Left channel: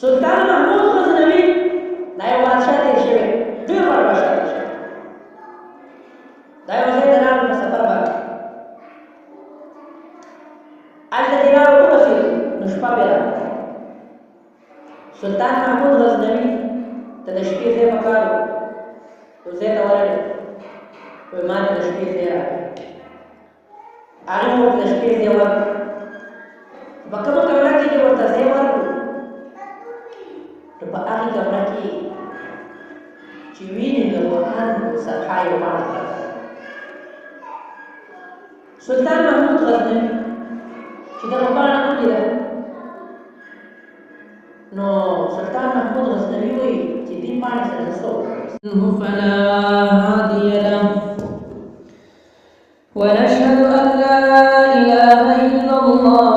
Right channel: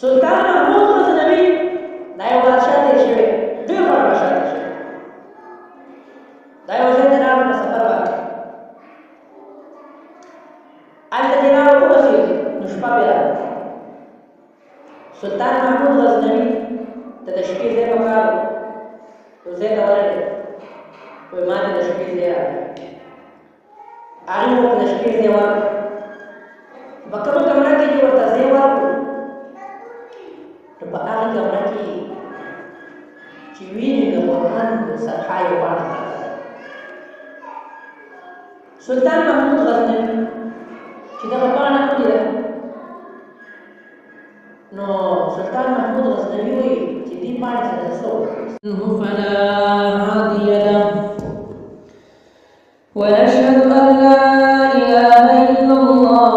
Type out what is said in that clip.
سلطان محمود غزنوي دا یو بادشاه تیر شوی، ډېر غټ بادشاه تیر شوی. دا یو ځای ته لاړل په سفر باندې، هلته چې لاړو ورسېدو نو شپه پرې راغله. سلطان محمود غزنوي ته د شپې ځای پکار و، یو ځای ته ورغی، وایي ما ته د شپې ځای راکړه. هغې ورته د شپې ځای ورکړ. په کومه کمره کې چې ورته ځای ورکړو نو په هغې کمره کې چې وینې د قرآن صفحه یو پاڼه پرته ده. سلطان محمود غزنوي چې دغه پاڼه ولیده نو سلطان محمود غزنوي وایي چې دې پاڼې سره څه وکړم. فلا هادي له ونشهد أن لا إله إلا الله